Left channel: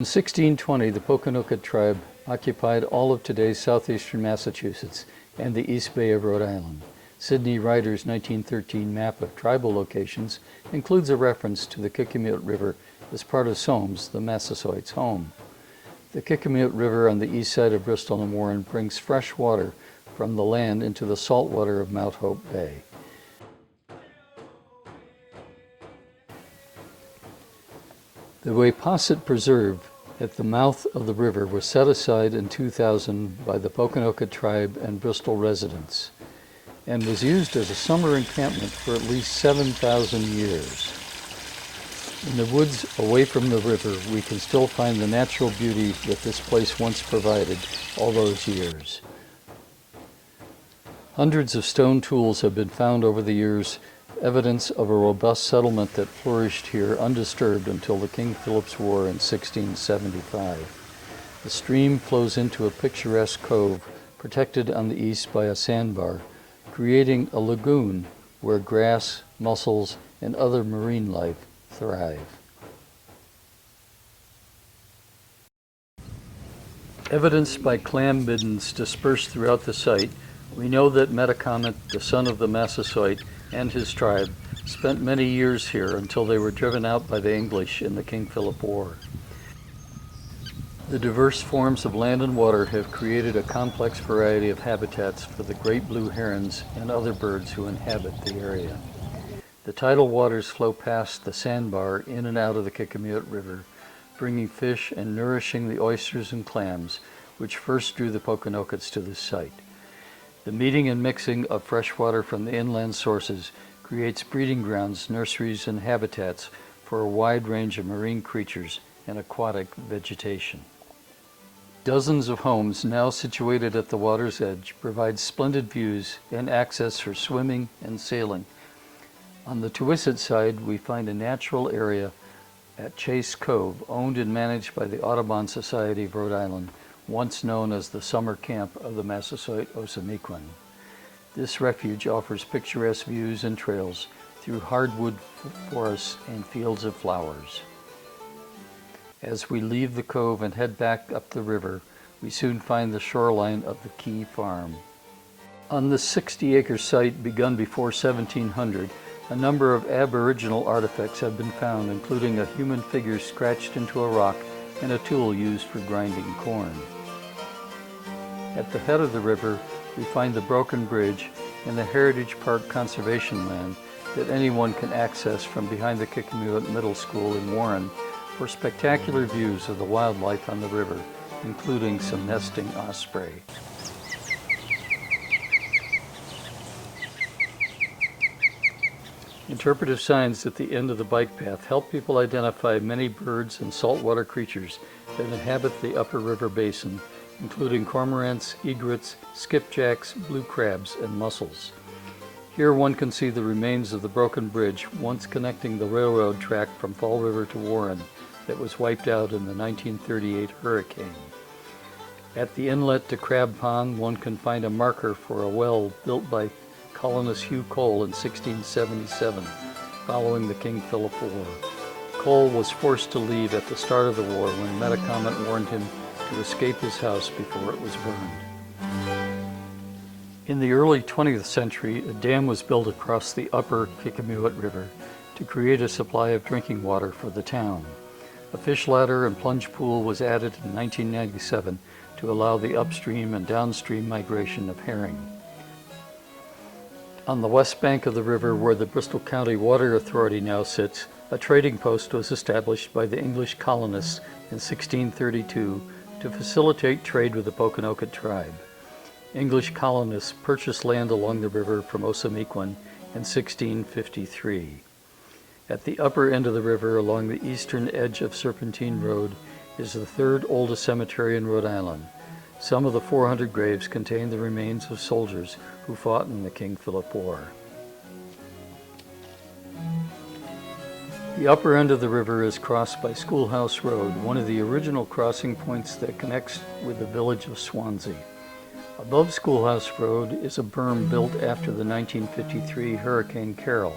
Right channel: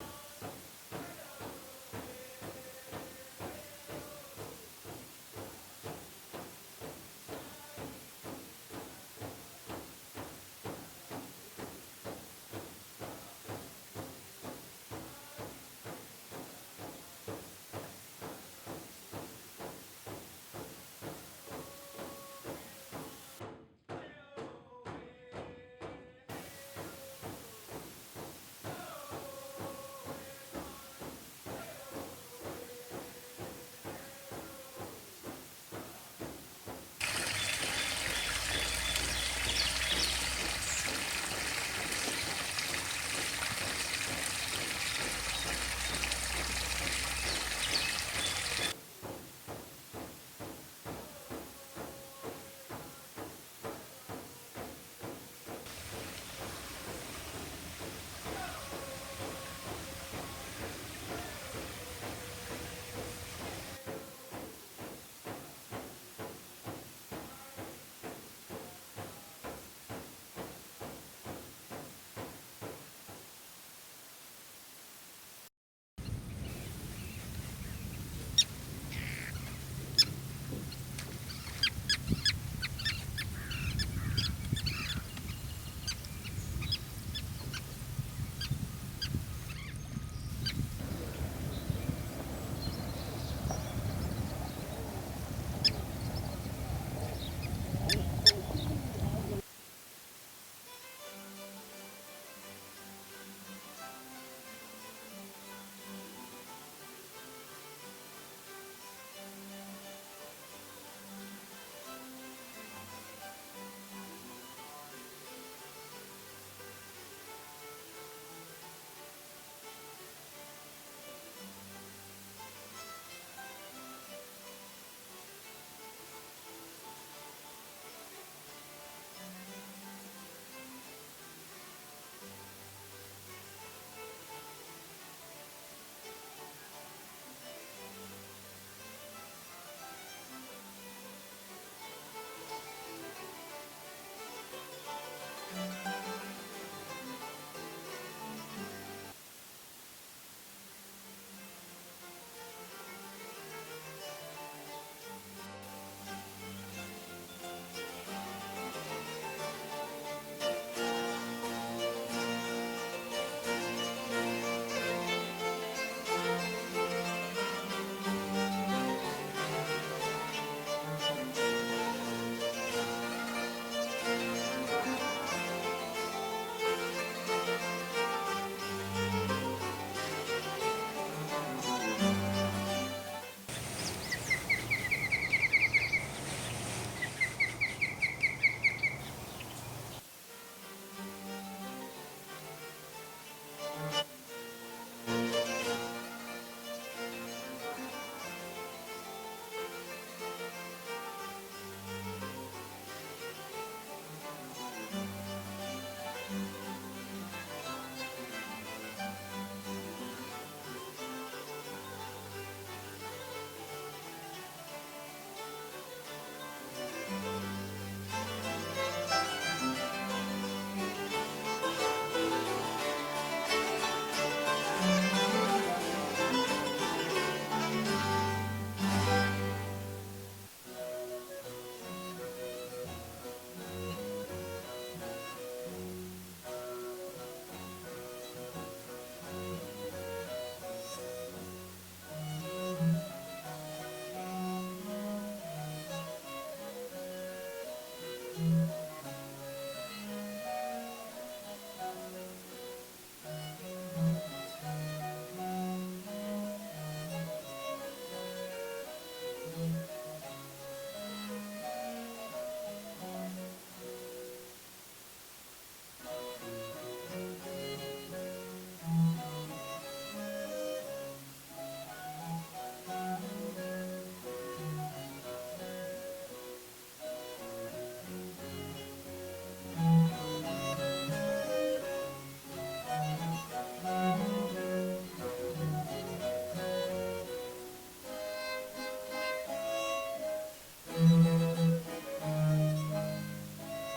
In 1620, the Pokanoket tribe occupied all of today's southeastern Massachusetts and the East Bay of Rhode Island. Sidney Ryder's 1913 map of tribal locations includes a reference to the Kickemuit River as part of Sowams, the Massasoits' home. The Kickemuit River on the east side of Bristol and Warren brings fresh water from the land into the salt water of Mount Hope Bay. The Wayposset Preserve at the mouth of the river was set aside in 2000 by the Pokanoket tribe and Bristol residents, and was used as a summer encampment for at least 7,000 years. In the woods away from the river, we can still find the natural beauty that this place once provided all those years. Hundreds of stone tools have been found over the years, evidence of a robust settlement that flourished here undisturbed until the King Philip's War in 1675. The stream flows into a picturesque cove protected on the east by a sandbar, creating a lagoon where grass, mussels, and other marine life thrive. Evidenced by clam middens dispersed throughout the site, we know that Metacomet, the son of the Massasoit, and his tribe spent many years here until they were driven out by the English in the King Philip War. The diverse forms of land and water have created a complex variety of habitats for the great blue herons and other birds who inhabit the area. The tidal waters flow past the sandbar in and out of the Kickemuit River, bringing fish and nourishing the oysters and clams, which first drew the Pokanokets to this site. The meeting and mixing of fresh water from the inland sources creates breeding grounds, nurseries, and habitats for a wide range of marine creatures and aquatic vegetation. Dozens of homes now situated at the water's edge provide splendid views and access for swimming and sailing. On the Tuisset side, we find a natural area at Chase Cove, owned and managed by the Audubon Society of Rhode Island, once known as the summer camp of the Massasoit Osamequin. This refuge offers picturesque views and trails through hardwood forests and fields of flowers. As we leave the cove and head back up the river, we soon find the shoreline of the Key Farm. On this 60-acre site begun before 1700, a number of Aboriginal artifacts have been found, including a human figure scratched into a rock and a tool used for grinding corn. At the head of the river, we find the broken bridge and the Heritage Park conservation land that anyone can access from behind the Kickemuit Middle School in Warren for spectacular views of the wildlife on the river, including some nesting osprey. Interpretive signs at the end of the bike path help people identify many birds and saltwater creatures that inhabit the upper river basin, including cormorants, egrets, skipjacks, blue crabs, and mussels. Here one can see the remains of the broken bridge once connecting the railroad track from Fall River to Warren that was wiped out in the 1938 hurricane. At the inlet to Crab Pond, one can find a marker for a well built by colonist Hugh Cole in 1677, following the King Philip War. Cole was forced to leave at the start of the war when Metacomet warned him to escape his house before it was burned. In the early 20th century, a dam was built across the upper Kickemuit River to create a supply of drinking water for the town. A fish ladder and plunge pool was added in 1997 to allow the upstream and downstream migration of herring. On the west bank of the river, where the Bristol County Water Authority now sits, a trading post was established by the English colonists in 1632 to facilitate trade with the Pokanoket tribe. English colonists purchased land along the river from Osamequin in 1653. At the upper end of the river, along the eastern edge of Serpentine Road, is the third oldest cemetery in Rhode Island. Some of the 400 graves contain the remains of soldiers who fought in the King Philip War. The upper end of the river is crossed by Schoolhouse Road, one of the original crossing points that connects with the village of Swansea. Above Schoolhouse Road is a berm built after the 1953 Hurricane Carol.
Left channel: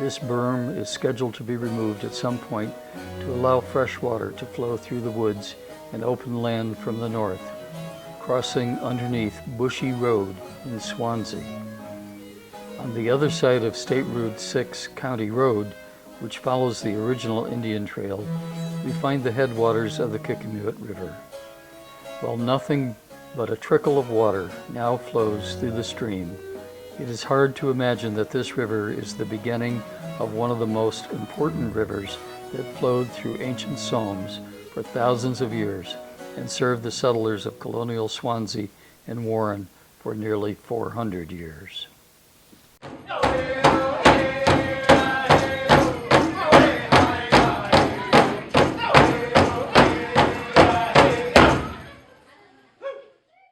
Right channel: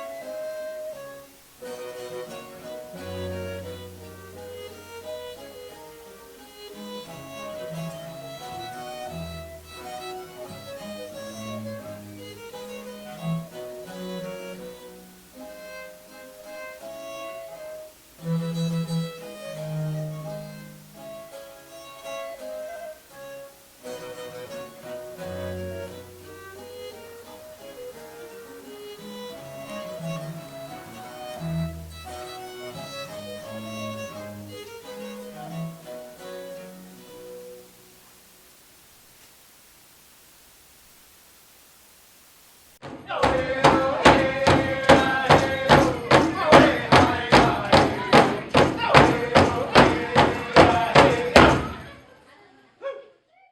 This berm is scheduled to be removed at some point to allow fresh water to flow through the woods and open land from the north, crossing underneath Bushy Road in Swansea. On the other side of State Route 6 County Road, which follows the original Indian Trail, we find the headwaters of the Kickemuit River. While nothing but a trickle of water now flows through the stream, it is hard to imagine that this river is the beginning of one of the most important rivers that flowed through ancient Sowams for thousands of years and served the settlers of colonial Swansea and Warren for nearly 400 years.